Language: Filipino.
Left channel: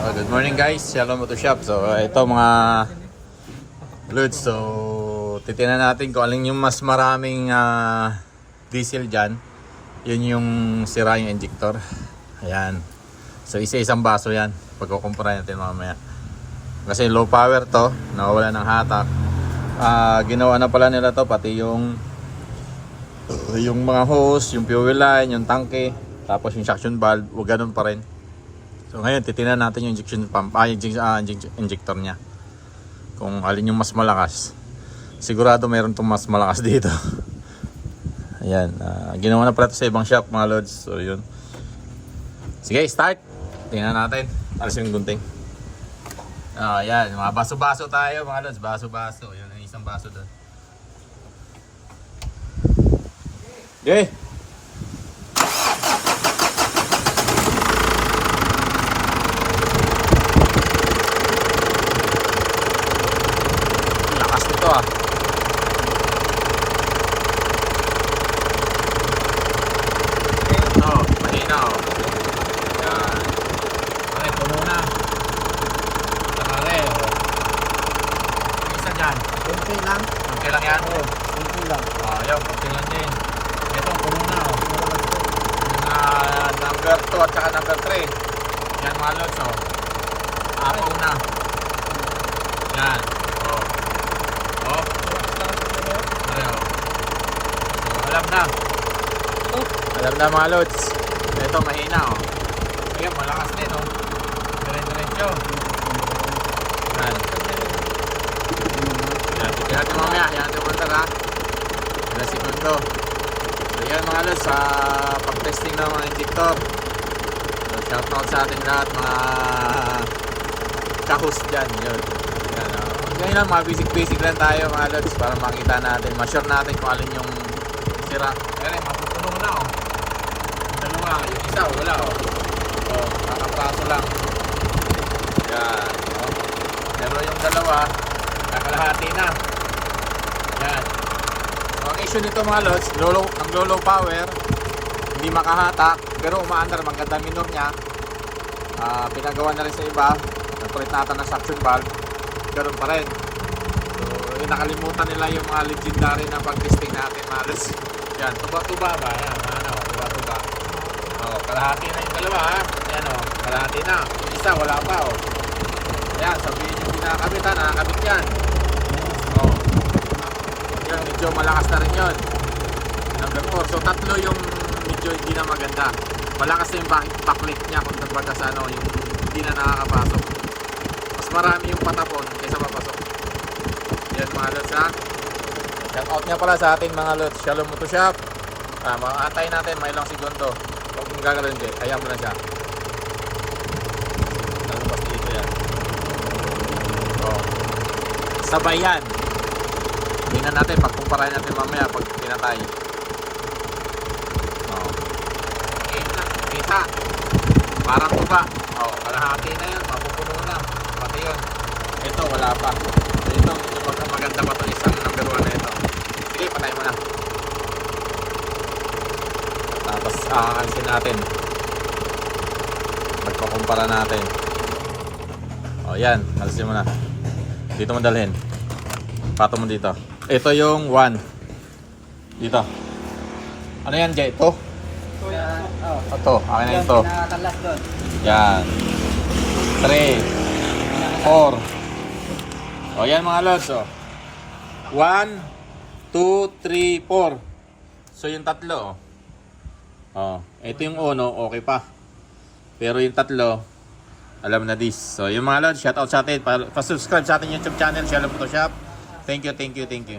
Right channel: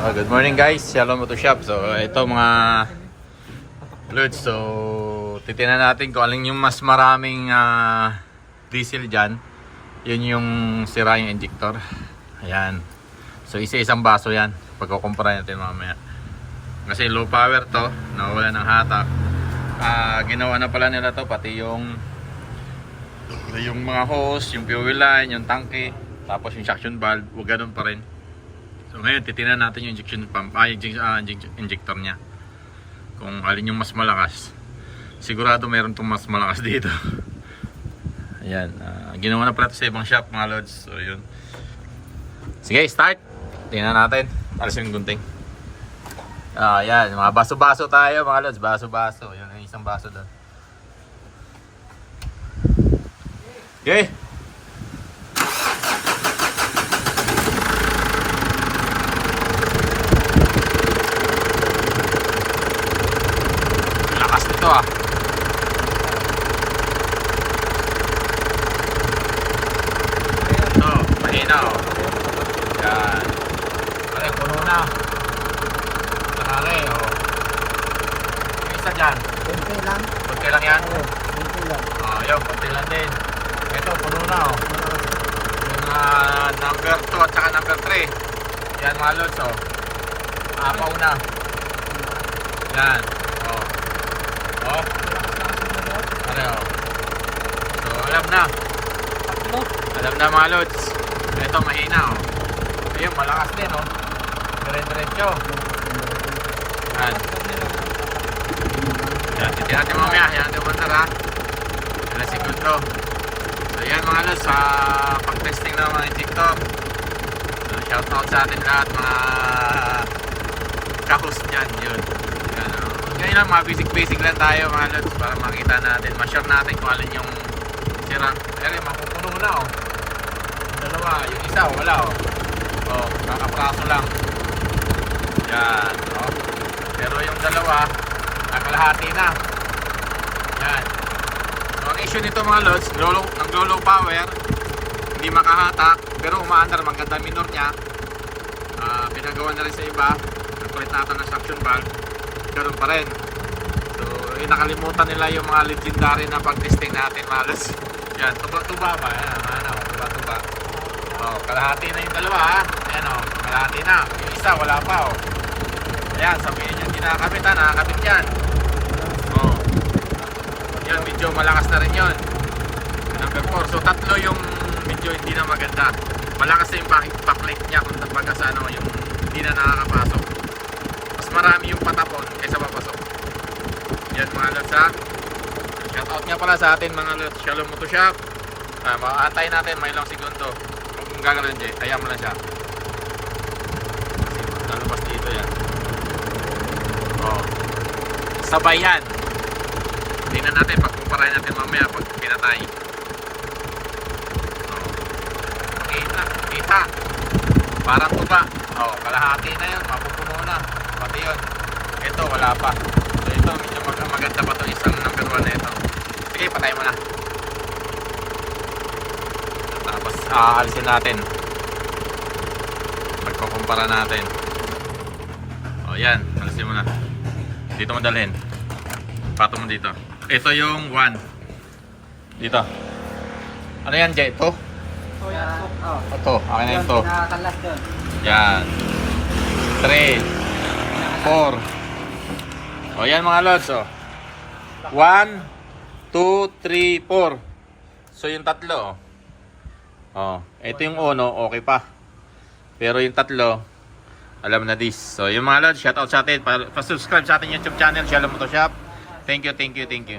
Good morning guys, Shalom Auto Shop. So ito mga loads. So titingnan natin kung alin yung mas maraming diesel dyan. Yun yung sira yung injector. Ayan. So isa-isang baso yan. Pagkukumpara natin mamaya. Kasi low power to, nawawala ng hatak. Ginawa na pala nila to, pati yung mga hose, yung fuel line, yung tangke, tapos yung suction valve, wag ganun pa rin. So ngayon titingnan natin yung injection pump, injector niya. Kung alin yung mas malakas. Sigurado mayroon tong mas malakas dito. Ayan, ginawa na pala ito sa ibang shop mga loads. So yun. Sige, start. Tingnan natin. Alas yung gunting. Ayan, mga baso-baso tayo mga loads. Baso-baso. Yan ang isang baso doon. Okay. Lakas nito ah. Ito, mahina oh. Yan. Pare, puno na. Pare oh. Yung isa dyan. Kunti lang. Kunti lang yan. Oo, kunti lang. Ayun, kunti lang din. Ito, puno na oh. Yung number 2 at saka number 3. Yan mga lods oh. Apaw na. Yan. Oh. Oh. Pare oh. So, alam na. Alam na mga lods. Ito, mahina oh. Ayun, malakas din oh. Dire-diretso. Yan. Yan, titignan natin mamaya. Yan natin umandar ha. 2 segundo. So yan mga lods, sa pag-testing ng mga injector. So shoutout sa atin lahat mga ka-host dyan. Yun. Yan, ganyan lang, mga basic lang tayo mga lods para makita natin, ma-share natin kung alin yung sira. Ayan, mapupuno na oh. Yung dalawa, yung isa wala oh. Oh, kakapraso lang. Yan, oh. Pero yung dalawa, nakalahati na. Yan. So, ang issue nito mga lods, nag-low power, hindi makahatak, pero umaandar, maganda minor niya. Pinagawa na rin sa iba, nagkulit natin ng suction valve, ganoon pa rin. So, nakalimutan nila yung mga legendary na pag-testing natin mga lods. Yan, tuba-tuba ba? Yan, ano, tuba-tuba. Oh, kalahati na yung dalawa ha. Ayan o, kalahati na. Yung isa, wala pa o. Ayan, sabihin yung kinakabit ha, nakakabit yan. Oh. Yun, medyo malakas na rin yun. Number 4. So, tatlo yung medyo hindi na maganda. Malakas na yung backlight niya kung kumbaga sa ano, yung hindi na nakakapasok. Mas marami yung patapon kaysa papasok. Yan mga lods ha. Shoutout nga pala sa atin mga lods. Shalom Auto Shop. Maantay natin may ilang segundo. Kung gagawin din, ayaw mo na siya. Lalabas dito yan. Oh. Sabay yan. Tingnan natin, pagkumparahin natin mamaya pag pinatay. Oh. Kita. Parang tuba. Oh, kalahati na yan. Mapupuno na. Pati yun. Ito, wala pa. So ito, medyo maganda pa ito. Isang number 1 na ito. Sige, patay mo na. Tapos aalisin natin. Magkukumpara natin. O yan, alisin mo na. Dito mo dalhin. Pato mo dito. Ito yung 1. Dito. Ano yan, Jay? Ito? Ito, akin na ito. Yan. 3 4. O yan mga lods o. 1 2 3 4. So yung tatlo o. Oh, ito yung uno, okay pa. Pero yung tatlo, alam na this. So, yung mga lods, shoutout sa atin. Pa-subscribe sa ating YouTube channel, Shalom Auto Shop. Thank you, thank you, thank you.